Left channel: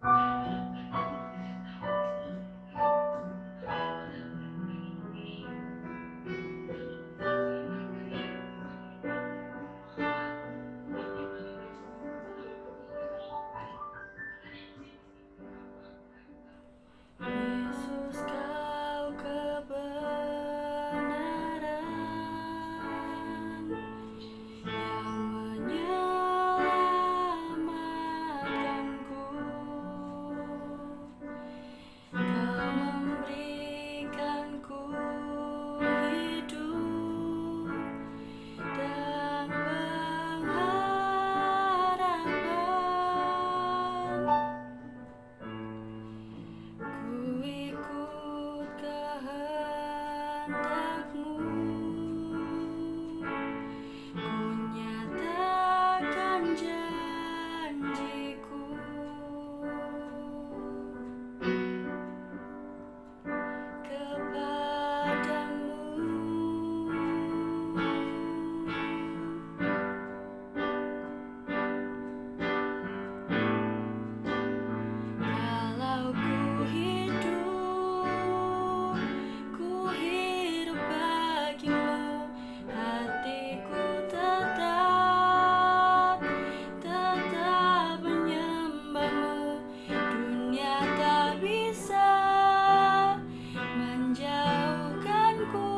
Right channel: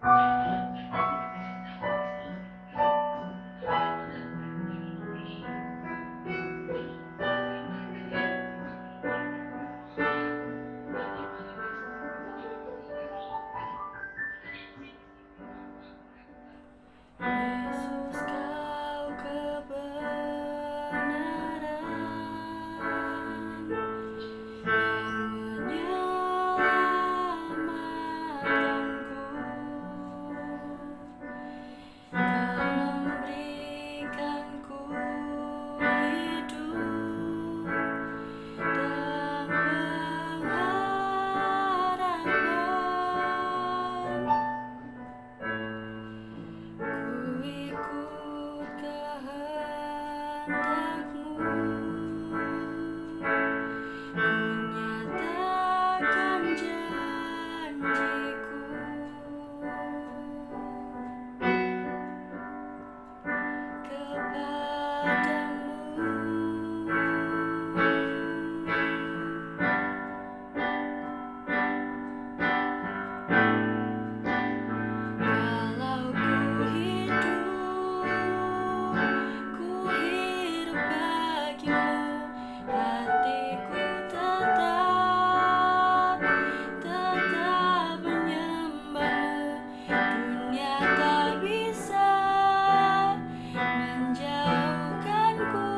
Yesus, kau kebenaran yang menyelamatkanku. Kau memberikanku hidup dan pengharapan. Ku ikut kehendak-Mu, ku nyatakan janji-Ku kepadamu. Kalau ku hidup bagimu, hatiku tetap menyembahmu. Dunia tak bisa menjauhkanku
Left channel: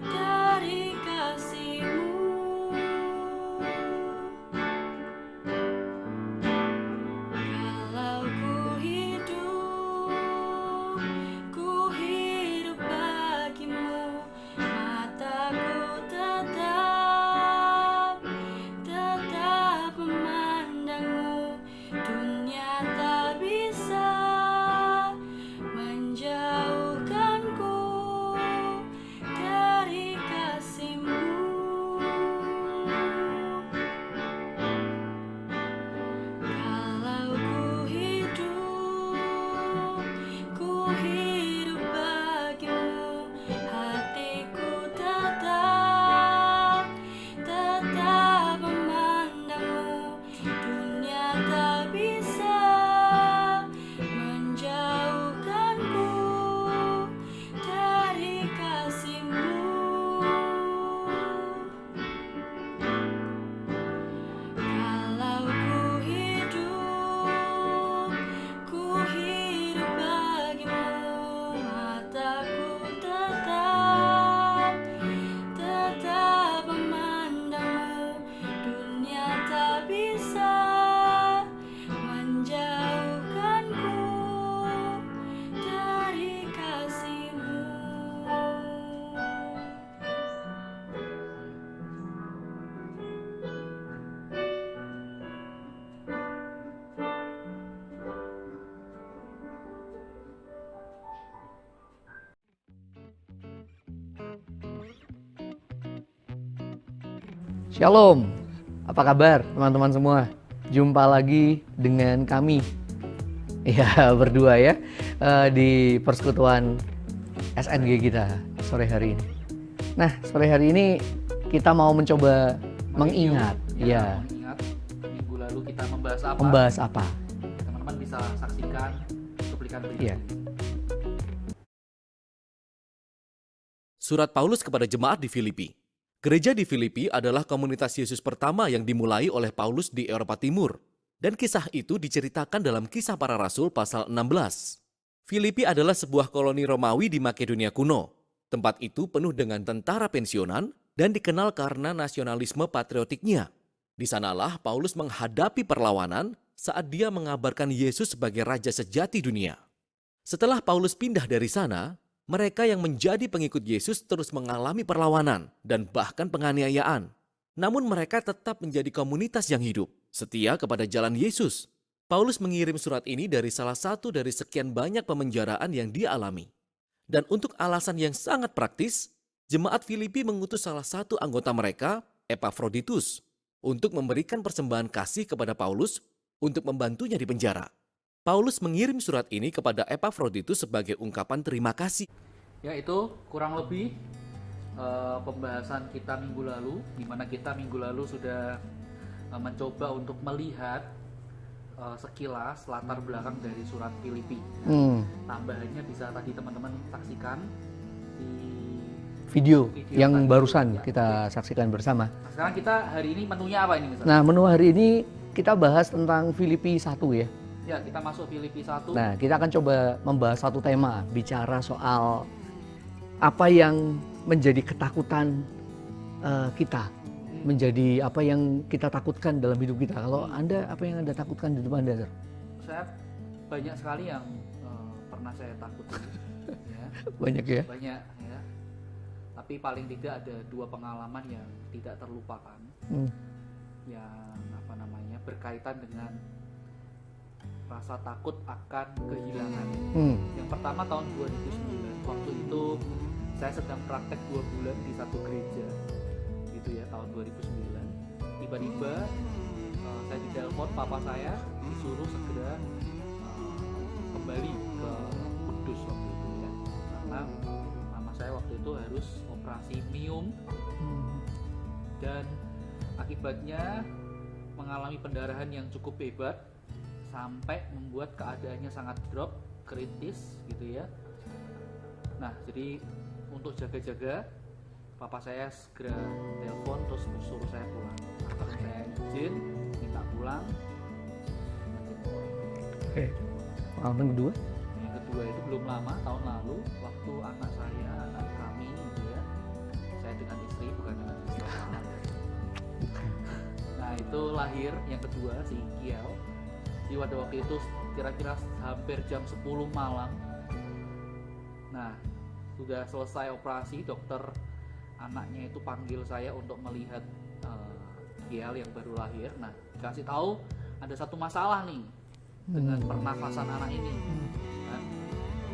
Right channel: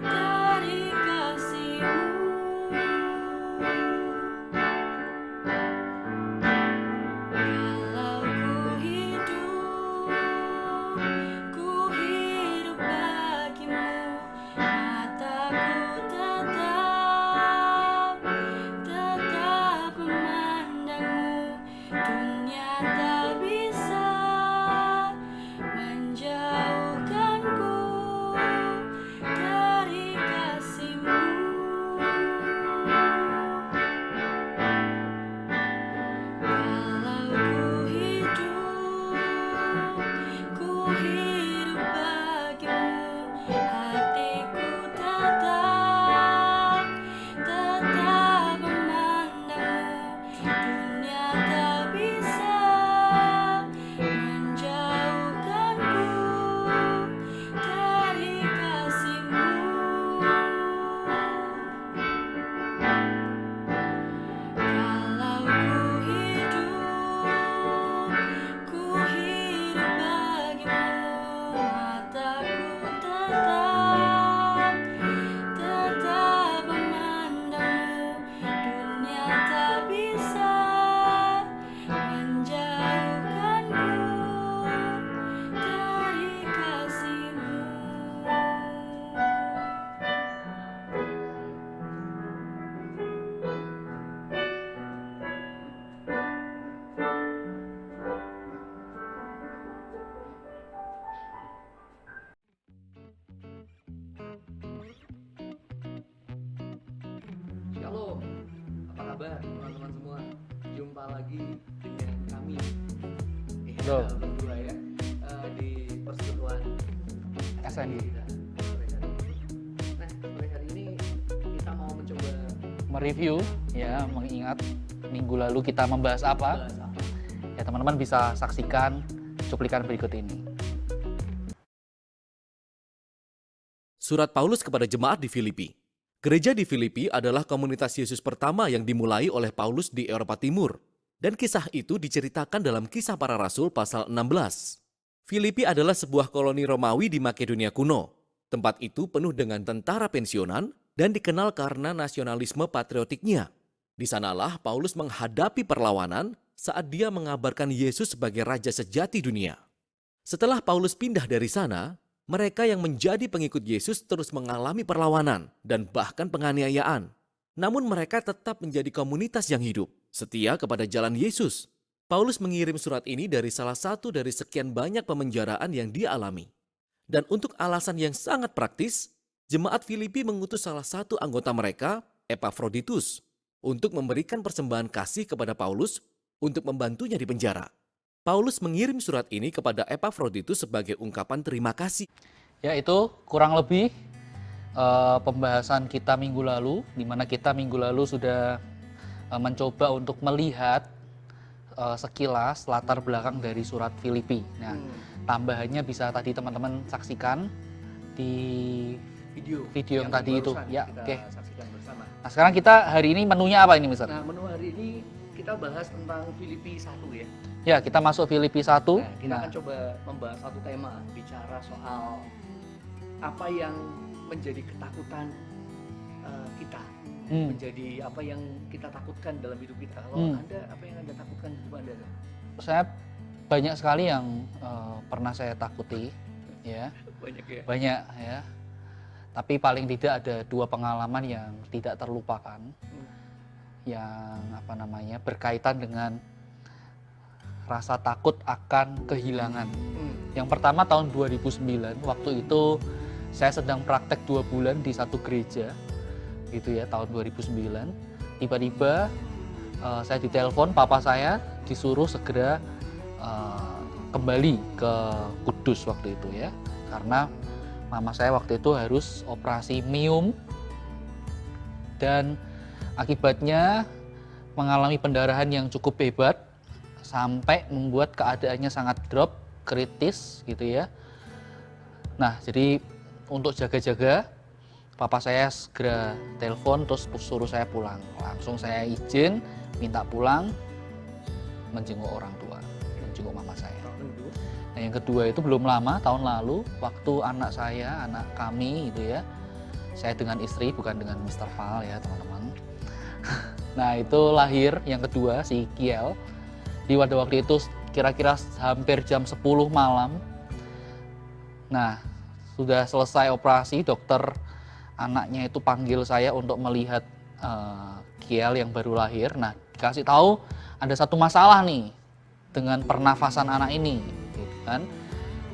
dari kasih-Mu. Kalau ku hidup bagimu, mataku tetap memandangmu. Dunia tak bisa menjauhkanku dari kasih-Mu. Kalau ku hidup bagimu, hatiku tetap memandangmu. Dunia tak bisa menjauhkanku dari kasih-Mu. Kalau ku hidup bagimu, mataku tetap memandangmu. Dunia tak bisa menjauhkanku dari kasih-Mu. Shalom, apa kabar teman-teman semua? Jumpa lagi dengan kami, ya berdua ya, di persekutuan SNG kita sore hari ini. Nah, sore hari ini kita mau mencoba mengingat minggu lalu kita membahas apa? Ya, teman-teman bisa saksikan cuplikan berikut ini. Surat Paulus kepada jemaat di Filipi. Gereja di Filipi adalah komunitas Yesus pertama yang dimulai oleh Paulus di Eropa Timur. Dan kisah itu diceritakan dalam Kisah Para Rasul pasal 16. Filipi adalah sebuah koloni Romawi di Makedonia kuno. Tempat itu penuh dengan tentara pensiunan dan dikenal karena nasionalisme patriotiknya. Di sanalah Paulus menghadapi perlawanan saat dia mengabarkan Yesus sebagai Raja sejati dunia. Setelah Paulus pindah dari sana, mereka yang menjadi pengikut Yesus terus mengalami perlawanan dan bahkan penganiayaan. Namun mereka tetap menjadi komunitas yang hidup, setia kepada jalan Yesus. Paulus mengirim surat ini dari salah satu dari sekian banyak pemenjaraan yang dia alami. Dan untuk alasan yang sangat praktis, jemaat Filipi mengutus salah satu anggota mereka, Epafroditus, untuk memberikan persembahan kasih kepada Paulus untuk membantunya di penjara. Paulus mengirim surat ini kepada Epafroditus sebagai ungkapan terima kasih. Ya, itu kurang lebih pembahasan kita minggu lalu, di mana kita minggu lalu sudah mencoba untuk melihat sekilas latar belakang dari surat Filipi. Nah, tambahannya bisa tadi teman-teman saksikan di Video yang tadi barusan itu. Ya, kita oke. saksikan bersama. Nah, sekarang kita hari ini menunya apa ini, Mister? Nah, menu hari ini kita bahas tentang Filipi 1 ya. Ya, kita masuk Filipi 1. Nah, kita akan coba membahas satu tema, bicara soal apa yang menjadi ketakutan kita, menjadi apa yang kita takutkan dalam hidup kita. Kalau Anda, apa yang Anda takutkan di hidup Anda, Sir? Saya banyak sekali yang pernah saya takuti, ya. Banyak ya? Banyak, ya. Tapi paling tidak ada 2 pengalaman yang tidak terlupakan, yang apa namanya berkaitan dengan rasa takut akan kehilangan. Yang pertama tahun 2009, waktu itu saya sedang praktek 2 bulan di satu gereja, gitu ya, tahun 2009. Tiba-tiba saya ditelepon, papa saya disuruh segera kembali ke Kudus waktu itu ya, karena mama saya waktu itu harus operasi miom dan akibatnya mengalami pendarahan yang cukup hebat sampai membuat keadaannya sangat drop, kritis gitu ya. Nah, jadi untuk jaga-jaga, papa saya segera telepon terus suruh saya pulang. Langsung saya izin, minta pulang, menjenguk orang tua, menjenguk mama saya. Tahun kedua? Nah, yang kedua itu belum lama, tahun lalu, waktu anak saya, anak kami itu ya, saya dengan istri, bukan dengan Mr. Hal ya teman-teman. Nah, itu lahir yang kedua, si Kiel. Di waktu itu kira-kira hampir jam 10 malam. Nah, sudah selesai operasi, dokter anaknya itu panggil saya untuk melihat Kiel yang baru lahir. Nah, dikasih tahu ada satu masalah nih dengan pernafasan anak ini, kan,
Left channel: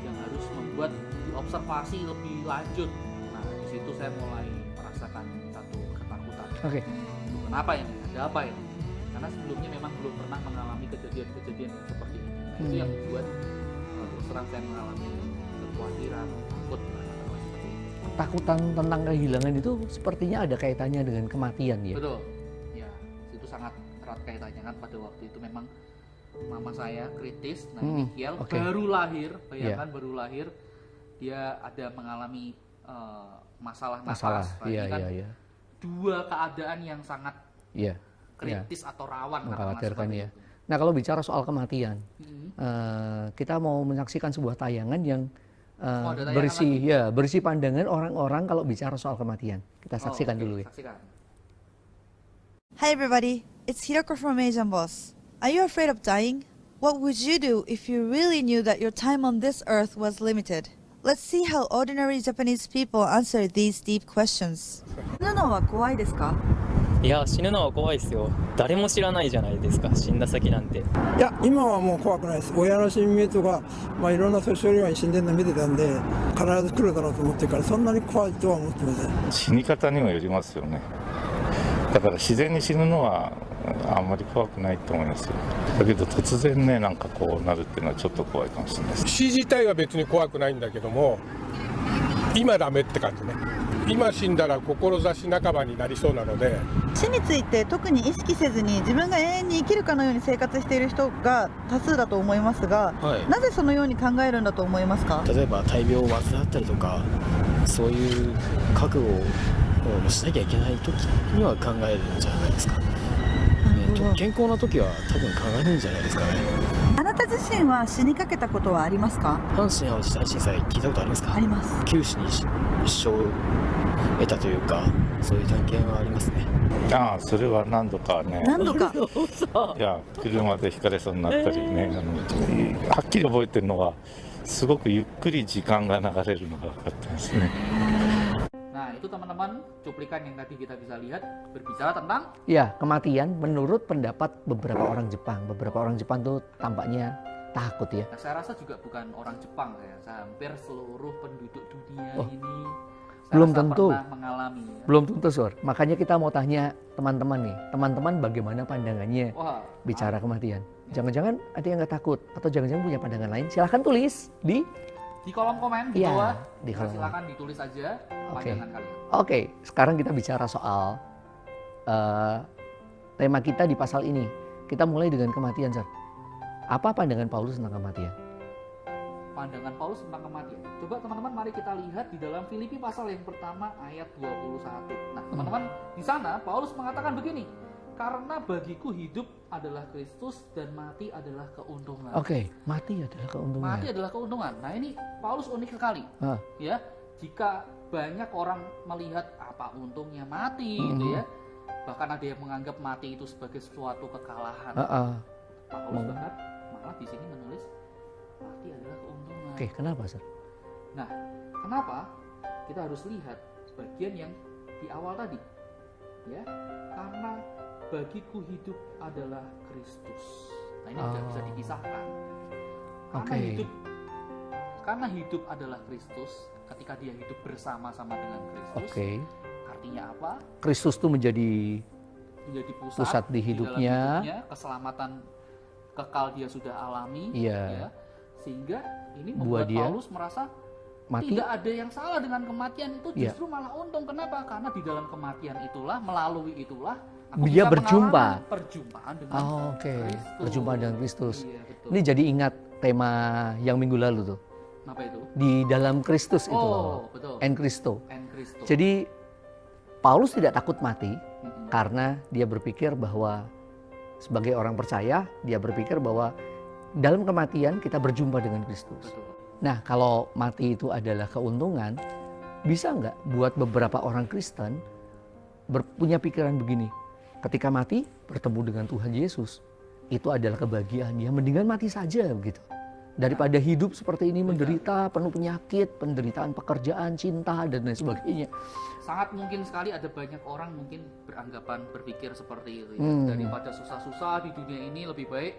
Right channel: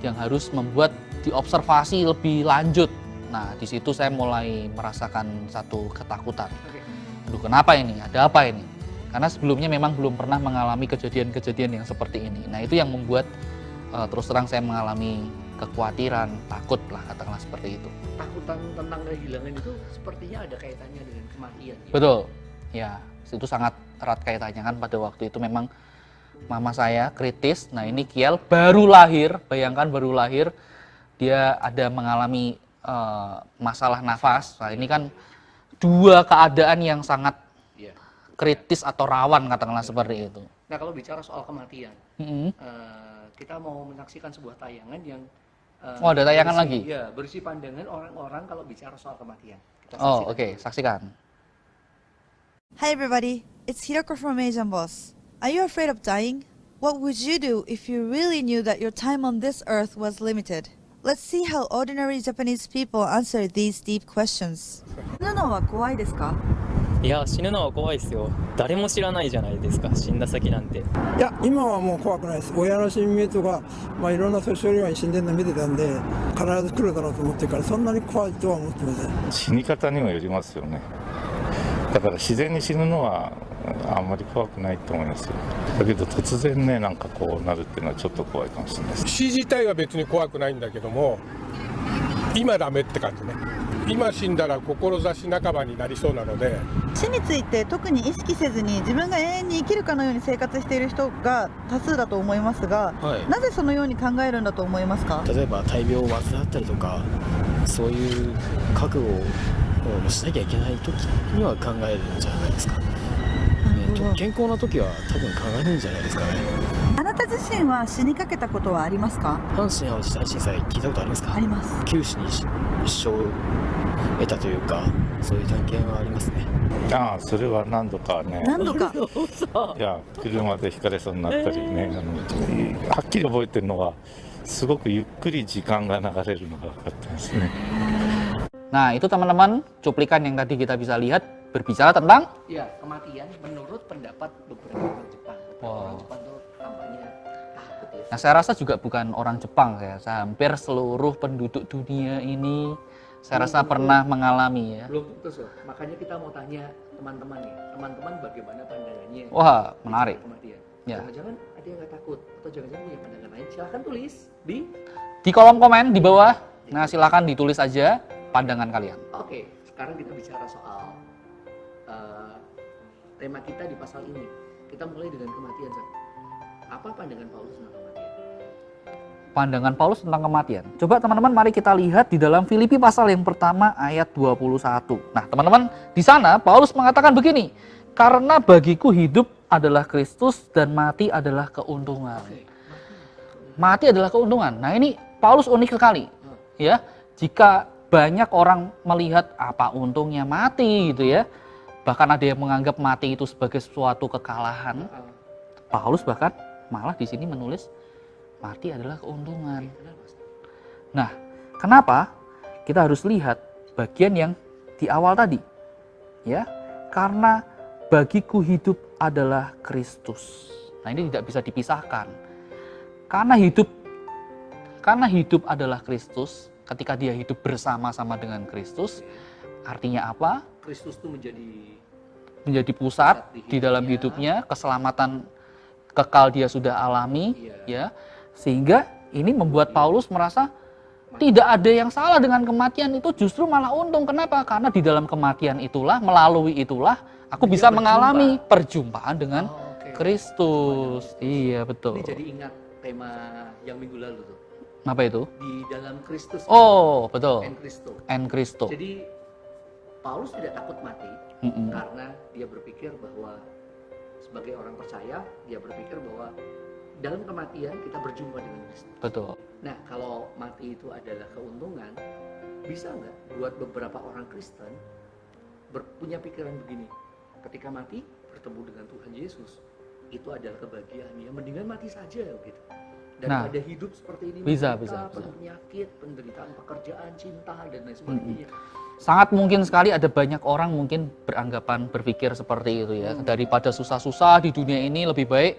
yang harus membuat diobservasi lebih lanjut. Nah, di situ saya mulai merasakan satu ketakutan. Aduh, kenapa ini? Ada apa ini? Karena sebelumnya memang belum pernah mengalami kejadian-kejadian yang seperti ini. Nah, itu yang membuat terus terang saya mengalami kekhawatiran, takut lah, katakanlah seperti itu. Takutan tentang kehilangan itu sepertinya ada kaitannya dengan kematian ya? Betul, ya, itu sangat erat kaitannya kan. Pada waktu itu memang mama saya kritis. Nah, ini Kiel baru lahir, bayangkan baru lahir, dia ada mengalami masalah nafas. Nah, ini kan dua keadaan yang sangat kritis atau rawan, katakanlah seperti itu. Nah, kalau bicara soal kematian, kita mau menyaksikan sebuah tayangan yang ada tayangan lagi? Ya, berisi pandangan orang-orang kalau bicara soal kematian. Kita saksikan dulu. Saksikan. Hi everybody, it's Hiroko from Asian Boss. Are you afraid of dying? What would you do if you really knew that your time on this earth was limited? Let's see how ordinary Japanese people answer these deep questions. 死ぬのは怖いですか？いや、死ぬのは怖いですよ。誰も知らないじゃないですか、死んだ先なんて。いや、今はもう怖くないです。親の親戚とか、いろんな年寄りが死んでるの見てたんで、必ず来るだろうと思ってるから、そんなに怖いとは思ってません。死に方にもよりますよね。だから自然に死ぬのはあんまり怖くないと思いますよ。だけど突然ね、なんかこうなるっていうのはちょっと怖いかもしれないです。死自体は別に怖くないんだけども、今ダメって感じね。今死んだら志半ばになりそうなので。死について特に意識せずに自分が永遠に生きるかのように生活している人が多数だと思いますが、なぜそのように考えるんだと思いますか？例えば大病を患ったりとか、そういう覚悟をしなきゃいけない時には考えるんじゃないですか。健康な時は多分考えるんじゃないですかね。あなた自身は死にかけたことはありますか？阪神・淡路大震災聞いたことありますか？あります。九死に一生を得たというか、そういう体験はありますね。ああ、それは何度かね。何度か。いや、車でひかれそうになったりね、はっきり覚えてるのは、すごくゆっくり時間が流れるのが分かったんですね。Nah, itu teman-teman cuplikan yang tadi kita bisa lihat berbicara tentang kematian menurut pendapat beberapa orang Jepang. Beberapa orang Jepang tuh tampaknya takut ya. Nah, saya rasa juga bukan orang Jepang, hampir seluruh penduduk dunia ini saya rasa pernah mengalami ya. Belum tentu, Sur. Makanya kita mau tanya teman-teman nih, teman-teman bagaimana pandangannya bicara kematian. Jangan-jangan ada yang nggak takut atau jangan-jangan punya pandangan lain? Silahkan tulis di kolom komen di bawah. Nah, silahkan ditulis aja pandangan kalian. Oke, sekarang kita bicara soal tema kita di pasal ini. Kita mulai dengan kematian, Sir. Apa pandangan Paulus tentang kematian? Pandangan Paulus tentang kematian. Coba teman-teman mari kita lihat di dalam Filipi pasal yang pertama ayat 21. Nah teman-teman di sana Paulus mengatakan begini, karena bagiku hidup adalah Kristus dan mati adalah keuntungan. Oke, mati adalah keuntungan. Mati adalah keuntungan. Nah ini Paulus unik sekali. Ya, jika banyak orang melihat apa untungnya mati gitu ya. Bahkan ada yang menganggap mati itu sebagai suatu kekalahan. Paulus bahkan malah di sini menulis mati adalah keuntungan. Oke, kenapa, Sir? Nah, kenapa? Kita harus lihat bagian yang di awal tadi. Ya, karena bagiku hidup adalah Kristus. Nah, ini tidak bisa dipisahkan. Karena hidup adalah Kristus, ketika dia hidup bersama-sama dengan Kristus, artinya apa? Kristus itu menjadi pusat di dalam hidupnya, keselamatan kekal dia sudah alami, ya. Sehingga ini membuat Paulus merasa tidak ada yang salah dengan kematian itu, justru malah untung. Kenapa? Karena di dalam kematian itulah, melalui itulah aku Dia bisa mengalami perjumpaan dengan Kristus. Perjumpaan dengan Kristus. Iya, betul. Ini jadi ingat tema yang minggu lalu tuh. Apa itu? Di dalam Kristus. Oh, betul. En Christo. En Christo. Jadi Paulus tidak takut mati karena dia berpikir bahwa sebagai orang percaya, dia berpikir bahwa dalam kematian kita berjumpa dengan Kristus. Betul. Nah, kalau mati itu adalah keuntungan, bisa nggak buat beberapa orang Kristen punya pikiran begini? Ketika mati, bertemu dengan Tuhan Yesus, itu adalah kebahagiaan. Ya, mendingan mati saja begitu. Daripada hidup seperti ini menderita, penuh penyakit, penderitaan pekerjaan, cinta, dan lain sebagainya. Sangat mungkin sekali ada banyak orang mungkin berpikir seperti itu ya. Daripada susah-susah di dunia ini lebih baik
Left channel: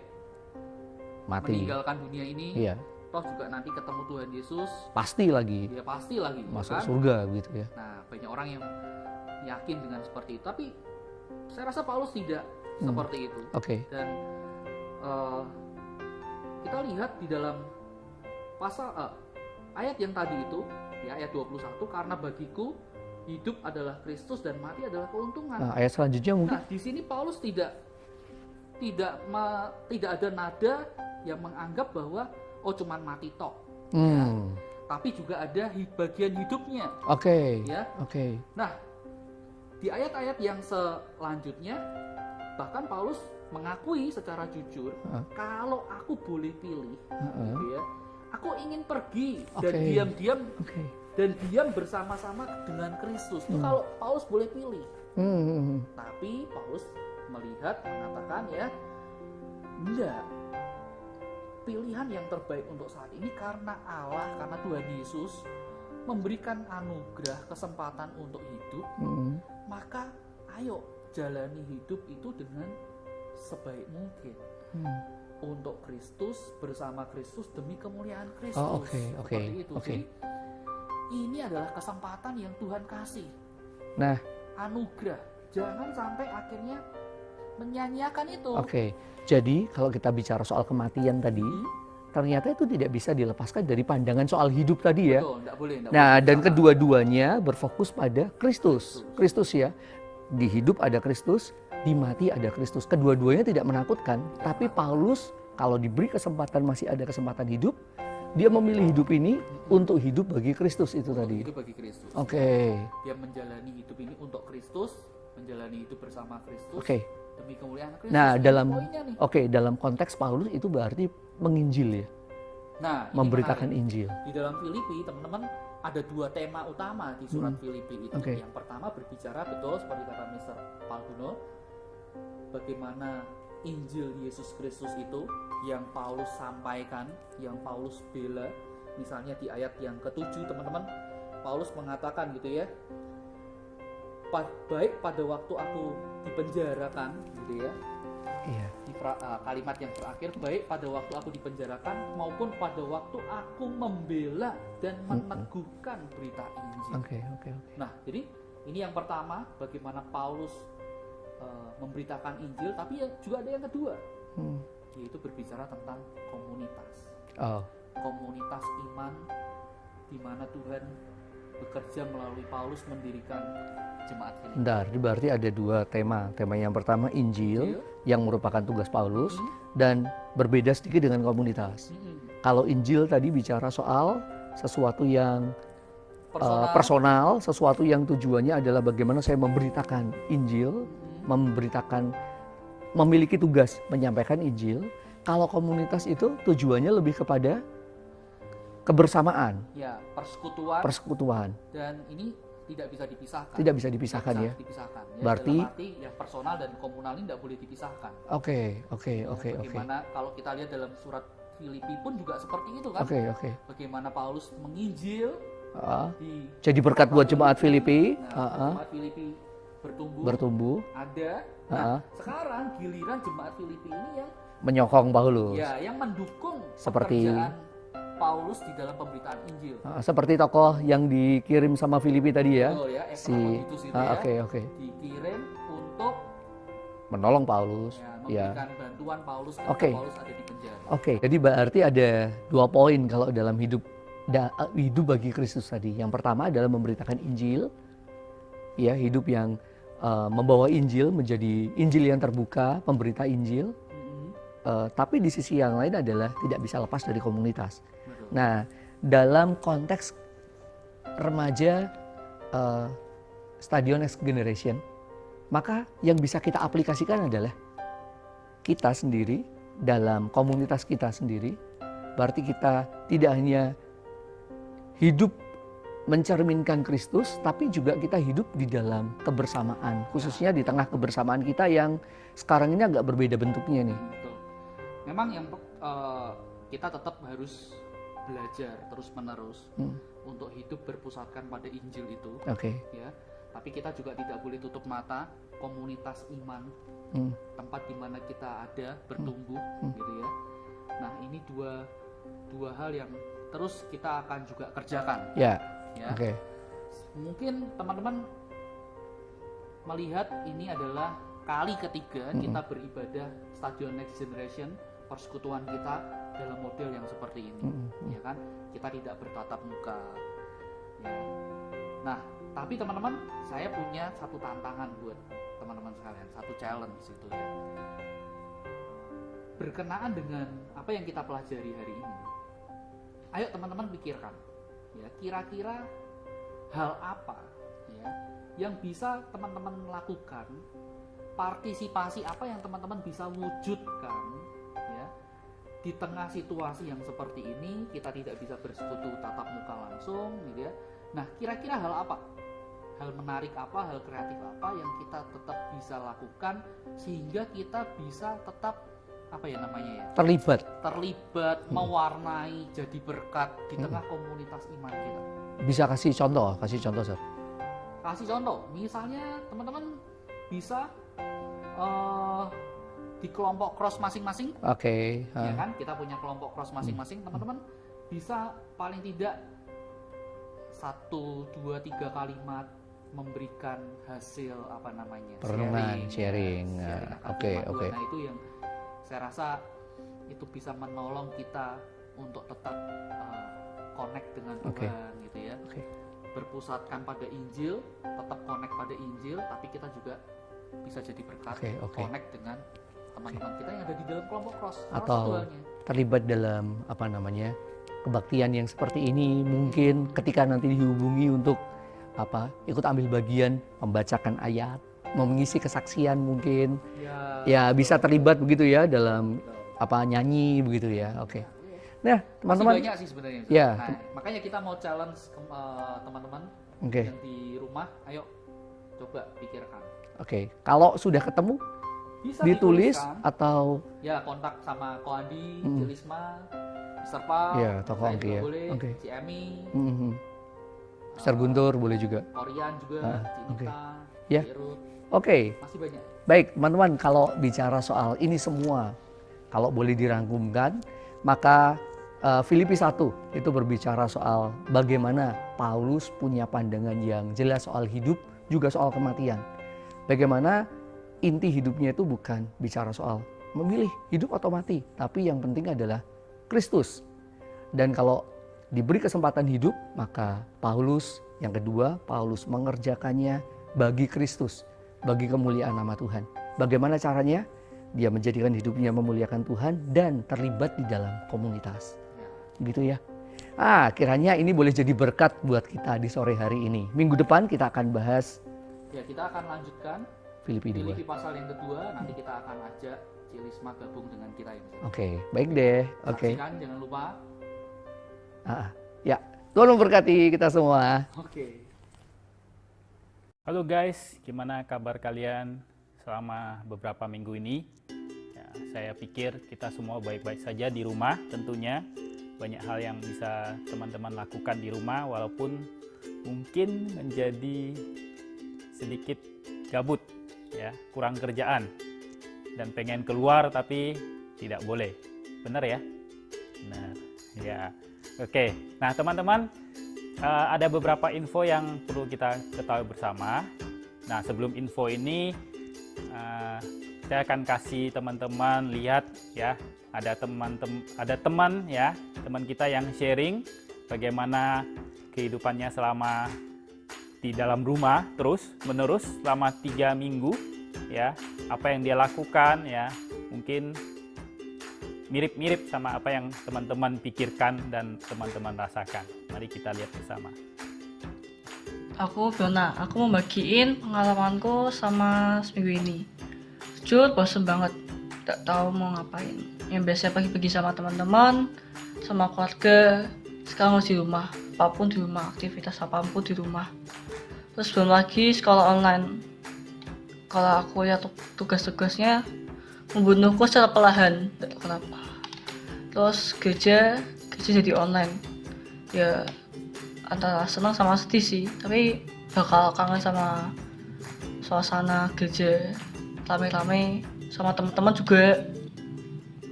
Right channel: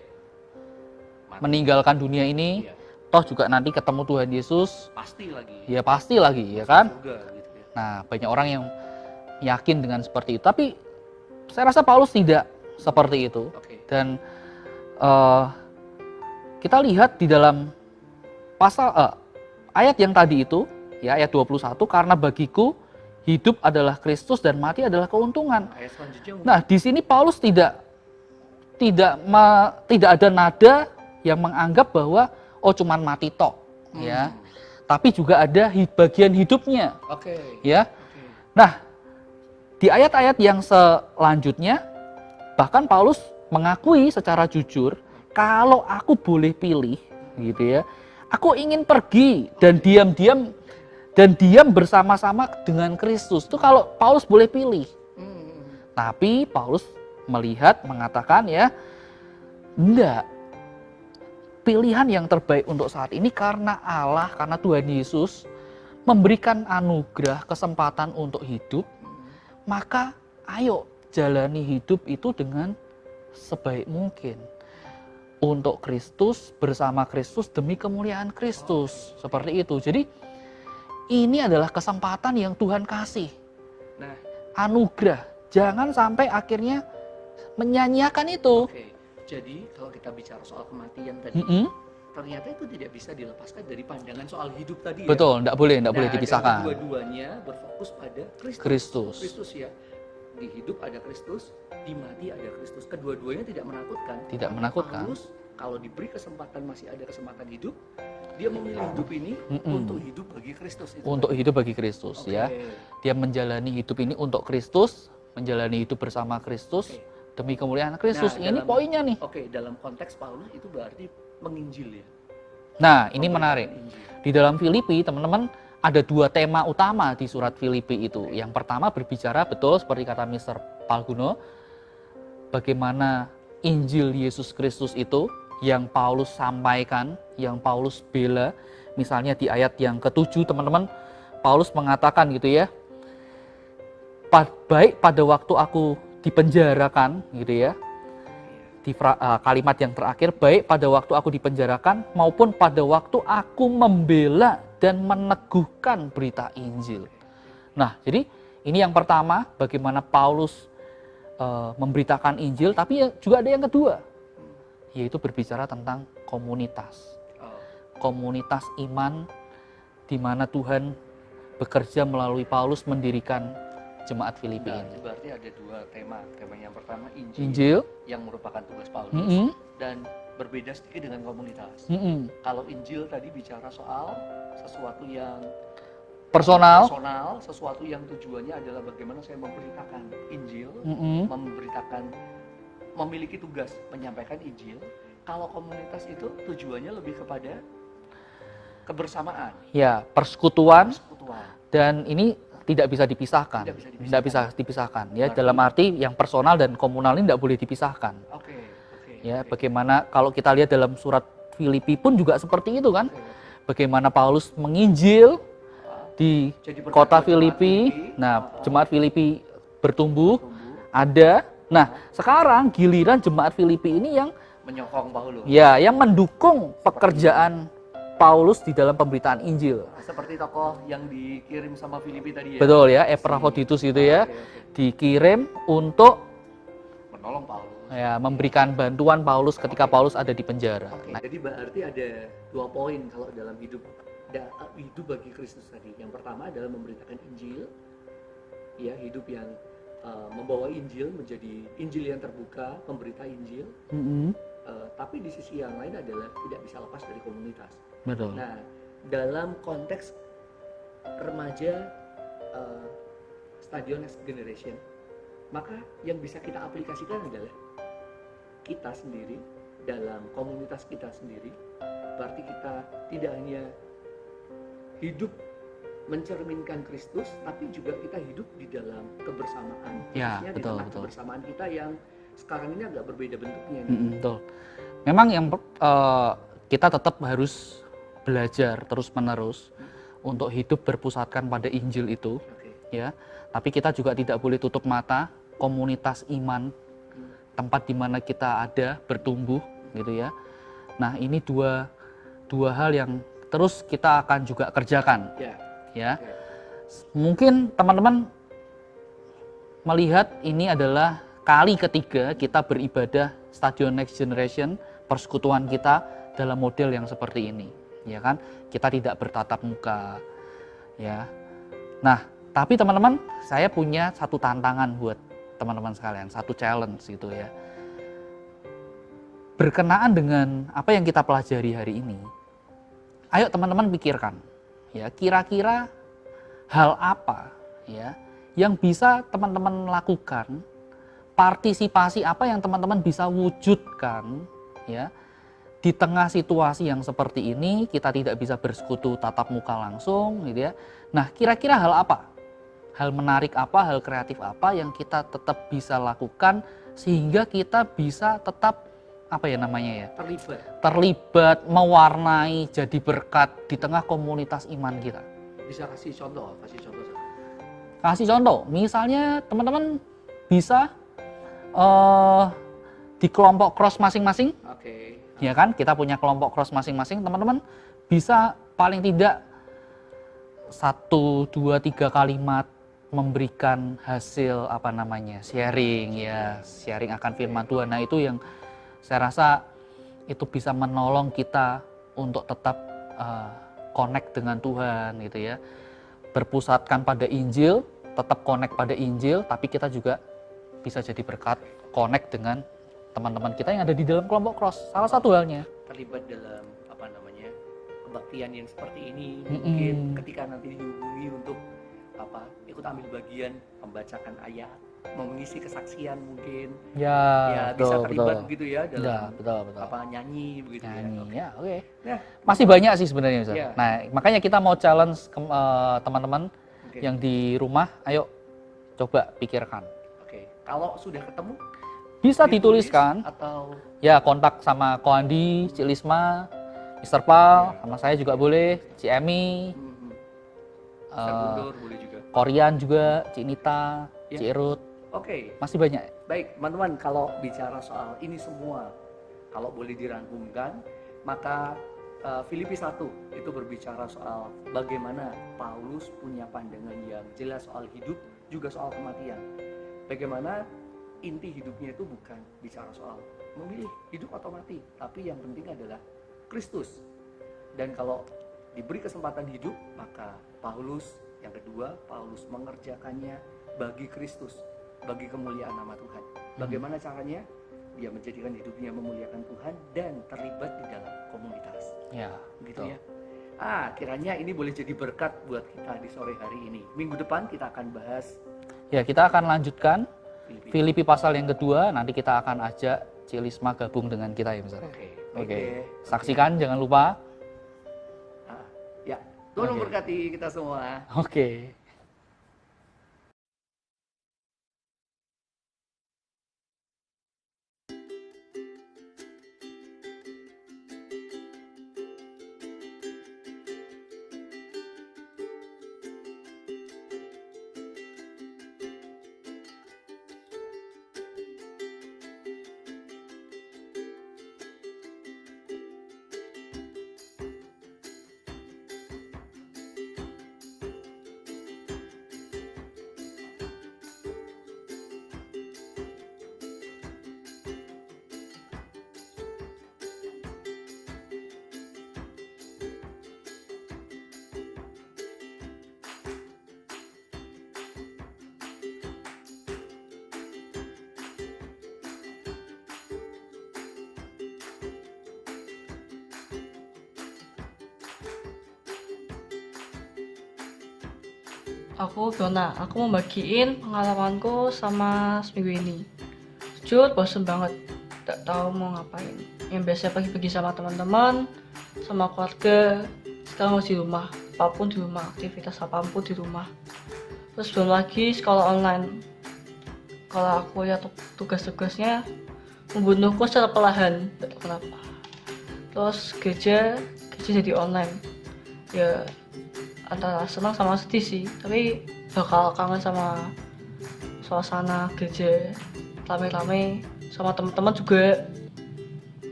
meninggalkan dunia ini. Toh juga nanti ketemu Tuhan Yesus. Pasti lagi. Ya pasti lagi, ya kan? Surga gitu ya. Nah, banyak orang yang yakin dengan seperti itu. Tapi saya rasa Paulus tidak seperti itu. Dan kita lihat di dalam pasal ayat yang tadi itu, ya ayat 21, karena bagiku hidup adalah Kristus dan mati adalah keuntungan. Nah, ayat selanjutnya Nah, di sini Paulus tidak ada nada yang menganggap bahwa cuman mati tok, ya. Tapi juga ada bagian hidupnya. Ya. Nah, di ayat-ayat yang selanjutnya bahkan Paulus mengakui secara jujur, kalau aku boleh pilih, gitu ya, aku ingin pergi dan diam bersama-sama dengan Kristus. Itu kalau Paulus boleh pilih. Tapi Paulus mengatakan ya, enggak. Pilihan yang terbaik untuk saat ini karena Allah, karena Tuhan Yesus memberikan anugerah, kesempatan untuk hidup, maka ayo jalani hidup itu dengan sebaik mungkin. Untuk Kristus, bersama Kristus, demi kemuliaan Kristus. Seperti itu. Jadi ini adalah kesempatan yang Tuhan kasih. Nah, anugerah. Jangan sampai akhirnya menyanyiakan itu. Jadi kalau kita bicara soal kematian tadi, ternyata itu tidak bisa dilepaskan dari pandangan soal hidup tadi ya. Betul, tidak boleh Nah, dan dipisahkan. kedua-duanya berfokus pada Kristus. Kristus ya. Di hidup ada Kristus, di mati ada Kristus. Kedua-duanya tidak menakutkan. Tapi Paulus kalau diberi kesempatan, masih ada kesempatan hidup, dia memilih hidup ini untuk hidup bagi Kristus itu. Untuk hidup bagi Kristus ya. Dia menjalani hidup ini untuk Kristus, menjalani hidup bersama Kristus. Demi kemuliaan Kristus. Nah, ini poinnya nih. Dalam konteks Paulus itu berarti menginjil ya. Nah, ini menarik. Injil. Di dalam Filipi, teman-teman, ada dua tema utama di surat Filipi itu. Yang pertama berbicara betul seperti kata Mr. Palguno, bagaimana Injil Yesus Kristus itu yang Paulus sampaikan, yang Paulus bela. Misalnya di ayat yang ke-7, teman-teman, Paulus mengatakan gitu ya, baik pada waktu aku dipenjarakan gitu ya, di kalimat yang terakhir, baik pada waktu aku dipenjarakan maupun pada waktu aku membela dan meneguhkan berita Injil. Nah, jadi ini yang pertama, bagaimana Paulus memberitakan Injil, tapi juga ada yang kedua, yaitu berbicara tentang komunitas. Komunitas iman di mana Tuhan bekerja melalui Paulus mendirikan jemaat Filipi. Bentar, ini berarti ada dua tema. Tema yang pertama Injil, Injil. yang merupakan tugas Paulus Mm-mm. dan berbeda sedikit dengan komunitas. Kalau Injil tadi bicara soal sesuatu yang Personal. personal, sesuatu yang tujuannya adalah bagaimana saya memberitakan Injil, memiliki tugas menyampaikan Injil. Kalau komunitas itu tujuannya lebih kepada kebersamaan, Ya, persekutuan, persekutuan. dan ini tidak bisa dipisahkan. Tidak bisa Tidak dipisahkan. bisa ya? dipisahkan. Ya, Berarti- dalam arti yang personal dan komunal ini tidak boleh dipisahkan. Oke. Ya, bagaimana kalau kita lihat dalam surat Filipi pun juga seperti itu kan? Oke. Bagaimana Paulus menginjil di Jadi berkat kota buat jemaat Filipi. Filipi. Nah, jemaat Filipi bertumbuh, bertumbuh, ada. Nah, sekarang giliran jemaat Filipi ini yang menyokong Paulus. yang mendukung Seperti- pekerjaan Paulus di dalam pemberitaan Injil. Seperti tokoh yang dikirim sama Filipi tadi ya. Betul ya, Epaphroditus gitu ya. Oke. Dikirim untuk Menolong Paulus. memberikan bantuan Paulus ketika Oke. Paulus ada di penjara. Oke. Jadi berarti ada 2 poin kalau dalam hidup bagi Kristus tadi. Yang pertama adalah memberitakan Injil. Ya, hidup yang membawa Injil menjadi Injil yang terbuka, pemberita Injil. Tapi di sisi yang lain adalah tidak bisa lepas dari komunitas. Betul. Nah, dalam konteks remaja stadion next generation, maka yang bisa kita aplikasikan adalah kita sendiri dalam komunitas kita sendiri. Berarti kita tidak hanya hidup mencerminkan Kristus, tapi juga kita hidup di dalam kebersamaan, Ya, khususnya di betul, tengah betul. kebersamaan kita yang sekarang ini agak berbeda bentuknya nih. Betul. Memang yang kita tetap harus belajar terus-menerus untuk hidup berpusatkan pada Injil itu, Oke. ya. Tapi kita juga tidak boleh tutup mata komunitas iman, tempat di mana kita ada bertumbuh, gitu ya. Nah, ini dua hal yang terus kita akan juga kerjakan, Ya. ya. Oke. Mungkin teman-teman melihat ini adalah kali ketiga kita beribadah Stadion Next Generation, persekutuan kita dalam model yang seperti ini, ya kan? Kita tidak bertatap muka, ya. Nah, tapi teman-teman, saya punya satu tantangan buat teman-teman sekalian, satu challenge gitu ya. Berkenaan dengan apa yang kita pelajari hari ini, ayo teman-teman pikirkan, ya, kira-kira hal apa ya yang bisa teman-teman lakukan, partisipasi apa yang teman-teman bisa wujudkan ya di tengah situasi yang seperti ini. Kita tidak bisa bersekutu tatap muka langsung gitu ya. Nah, kira-kira hal apa, hal menarik apa, hal kreatif apa yang kita tetap bisa lakukan sehingga kita bisa tetap apa ya namanya ya, terlibat, mewarnai, jadi berkat di tengah komunitas iman kita. Bisa kasih contoh, Sir. Kasih contoh, misalnya teman-teman bisa di kelompok cross masing-masing, Oke. ya kan? Kita punya kelompok cross masing-masing, teman-teman bisa paling tidak 1, 2, 3 kalimat memberikan hasil apa namanya, sharing ya, sharing akan firman Tuhan. Nah, itu yang saya rasa itu bisa menolong kita untuk tetap connect dengan Tuhan gitu ya. Berpusatkan pada Injil, tetap connect pada Injil, tapi kita juga bisa jadi berkat, connect dengan teman-teman kita yang ada di dalam kelompok cross. Salah satu halnya. Terlibat dalam apa namanya, kebaktian yang seperti ini, mungkin ketika nanti dihubungi untuk ikut ambil bagian membacakan ayat, mengisi kesaksian mungkin. Ya betul, bisa terlibat betul. begitu ya dalam betul. nyanyi begitu ya. Oke. Ya, oke. Nah, Masih teman-teman, banyak sih sebenarnya. Ustaz. Ya. Nah, makanya kita mau challenge teman-teman Oke. yang di rumah, ayo coba pikirkan. Oke. Kalau sudah ketemu Bisa ditulis dituliskan, atau ya kontak sama Ko Andi, Cik Lisma, Mr. Pal, Ya, sama atau saya Ko juga Andi ya. boleh, Oke. Cik Emi, Mr. Guntur boleh juga. Korean juga, Cik Nita, Ya. Cik Ruth, Oke. masih banyak. Baik, teman-teman, kalau bicara soal ini semua, kalau boleh dirangkumkan, maka Filipi 1 itu berbicara soal bagaimana Paulus punya pandangan yang jelas soal hidup, juga soal kematian. Bagaimana inti hidupnya itu bukan bicara soal memilih hidup atau mati, tapi yang penting adalah Kristus. Dan kalau diberi kesempatan hidup, maka Paulus, yang kedua, Paulus mengerjakannya bagi Kristus, bagi kemuliaan nama Tuhan. Bagaimana caranya? Dia menjadikan hidupnya memuliakan Tuhan dan terlibat di dalam komunitas. Ya. Gitu ya. Kiranya ini boleh jadi berkat buat kita di sore hari ini. Minggu depan kita akan bahas Ya, kita akan lanjutkan Filipi. Filipi pasal yang kedua. Nanti kita akan ajak Cilisma gabung dengan kita ya misalnya. Oke, baik Oke. deh. Oke. Saksikan, jangan lupa. Ya, Tuhan memberkati kita semua. Oke. Halo guys, gimana kabar kalian selama beberapa minggu ini? Ya, saya pikir kita semua baik-baik saja di rumah tentunya. Banyak hal yang bisa teman-teman lakukan di rumah walaupun mungkin menjadi sedikit gabut, ya, kurang kerjaan dan pengen keluar tapi tidak boleh. Benar ya? Benar. Ya. Oke. Nah, teman-teman, ada beberapa info yang perlu kita ketahui bersama. Nah, sebelum info ini saya akan kasih teman-teman lihat ya, ada teman kita yang sharing bagaimana kehidupannya selama di dalam rumah terus-menerus selama 3 minggu ya, apa yang dia lakukan ya, mungkin mirip-mirip sama apa yang teman-teman pikirkan dan teman-teman rasakan. Mari kita lihat bersama. Aku Fiona, aku mau bagiin pengalamanku sama seminggu ini. Jujur bosen banget, gak tahu mau ngapain. Yang biasanya pagi-pagi sama teman-teman, sama keluarga, sekarang harus di rumah, apapun di rumah, aktivitas apapun di rumah. Terus belum lagi sekolah online. Kalau aku lihat tugas-tugasnya membunuhku secara perlahan, gak tahu kenapa. Terus gereja jadi online. Ya antara senang sama sedih sih, tapi bakal kangen sama suasana gereja rame-rame sama teman-teman juga.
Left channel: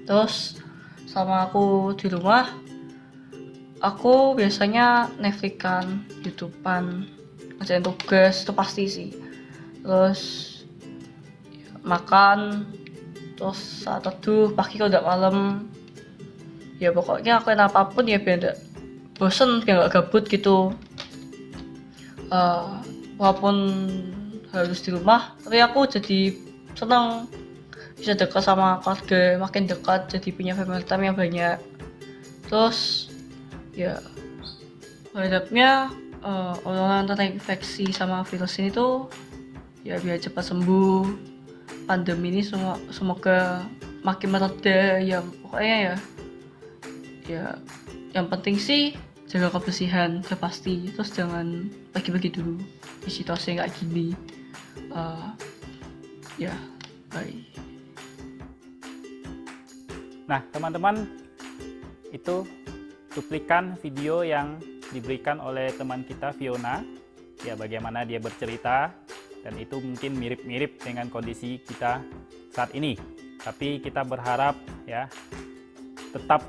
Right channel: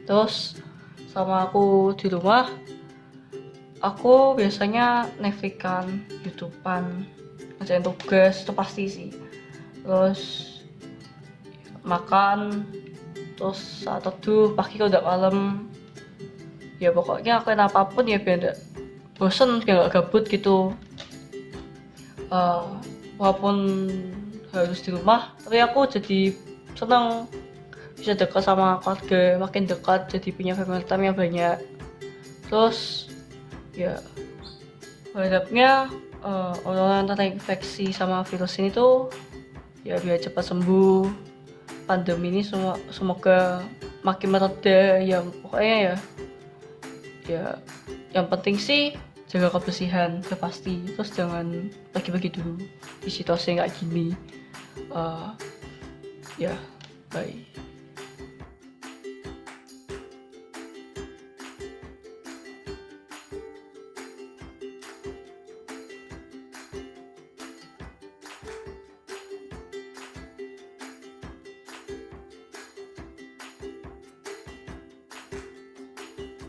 Terus sama aku di rumah, aku biasanya Netflix-an, YouTube-an, ngerjain tugas itu pasti sih. Terus makan, terus saat teduh pagi kalau udah malam, ya pokoknya lakuin apapun ya biar gak bosen, biar gak gabut gitu. Walaupun harus di rumah, tapi aku jadi senang bisa dekat sama keluarga, makin dekat, jadi punya family time yang banyak. Terus ya berharapnya orang-orang tentang infeksi sama virus ini tuh ya biar cepat sembuh, pandemi ini semoga makin mereda ya. Pokoknya ya yang penting sih jaga kebersihan, udah pasti. Terus jangan pagi-pagi dulu di situasi kayak gini. Ya, bye. Nah, teman-teman, itu cuplikan video yang diberikan oleh teman kita Fiona, ya bagaimana dia bercerita, dan itu mungkin mirip-mirip dengan kondisi kita saat ini. Tapi kita berharap ya tetap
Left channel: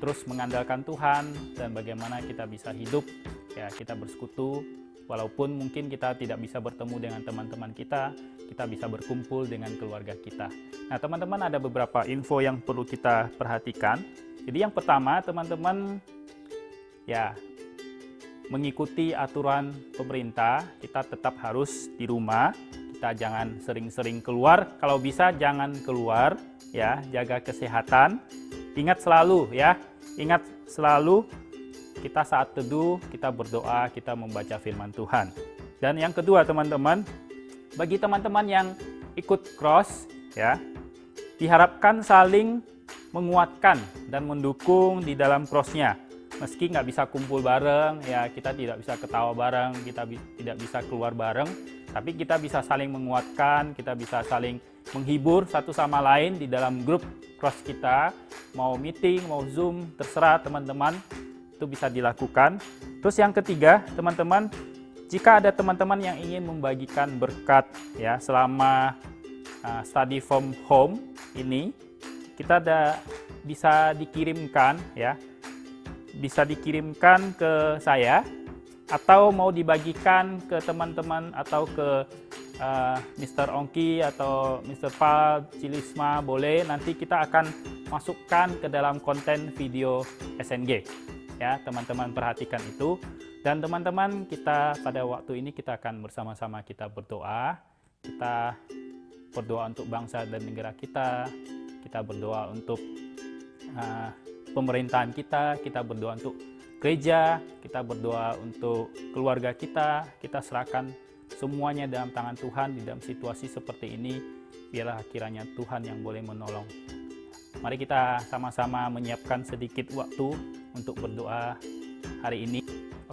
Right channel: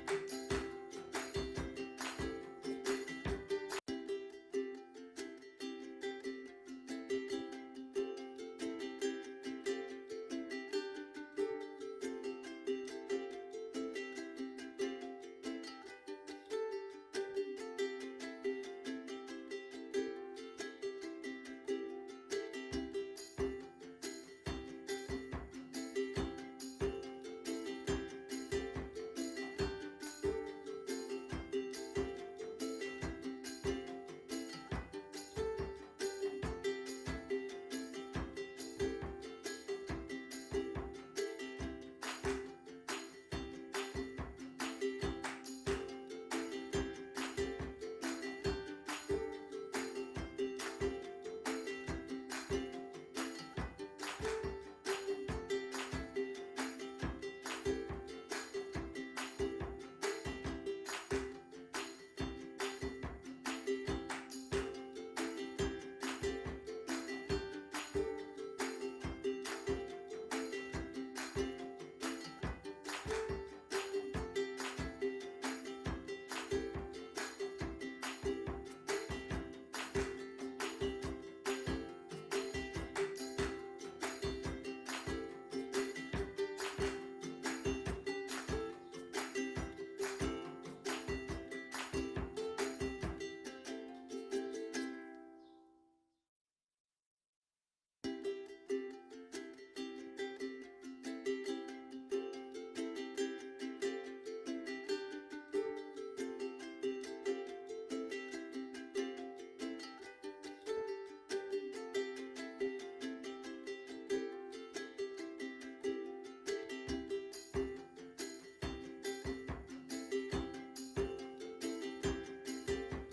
terus mengandalkan Tuhan dan bagaimana kita bisa hidup, ya kita bersekutu. Walaupun mungkin kita tidak bisa bertemu dengan teman-teman kita bisa berkumpul dengan keluarga kita. Nah, teman-teman, ada beberapa info yang perlu kita perhatikan. Jadi yang pertama, teman-teman, ya mengikuti aturan pemerintah, kita tetap harus di rumah. Kita jangan sering-sering keluar, kalau bisa jangan keluar, ya, jaga kesehatan. Ingat selalu kita saat teduh, kita berdoa, kita membaca firman Tuhan. Dan yang kedua, teman-teman, bagi teman-teman yang ikut cross, ya, diharapkan saling menguatkan dan mendukung di dalam crossnya. Meski nggak bisa kumpul bareng, ya kita tidak bisa ketawa bareng, kita tidak bisa keluar bareng, tapi kita bisa saling menguatkan, kita bisa saling menghibur satu sama lain di dalam grup cross kita. Mau meeting, mau Zoom, terserah teman-teman, itu bisa dilakukan. Terus yang ketiga, teman-teman, jika ada teman-teman yang ingin membagikan berkat ya selama study from home ini, kita bisa dikirimkan ya, bisa dikirimkan ke saya atau mau dibagikan ke teman-teman atau ke Mr. Ongki atau Mr. Pal, Cilisma, boleh. Nanti kita akan masukkan ke dalam konten video SNG. Ya, teman-teman perhatikan itu. Dan teman-teman, kita pada waktu ini kita akan bersama-sama kita berdoa. Kita berdoa untuk bangsa dan negara kita. Kita berdoa untuk pemerintahan kita. Kita berdoa untuk gereja. Kita berdoa untuk keluarga kita. Kita serahkan semuanya dalam tangan Tuhan di dalam situasi seperti ini. Biarlah kiranya Tuhan yang boleh menolong. Mari kita sama-sama menyiapkan sedikit waktu untuk berdoa hari ini.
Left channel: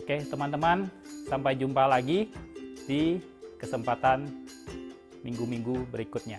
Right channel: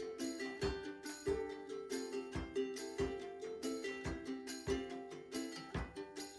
Oke teman-teman, sampai jumpa lagi di kesempatan minggu-minggu berikutnya.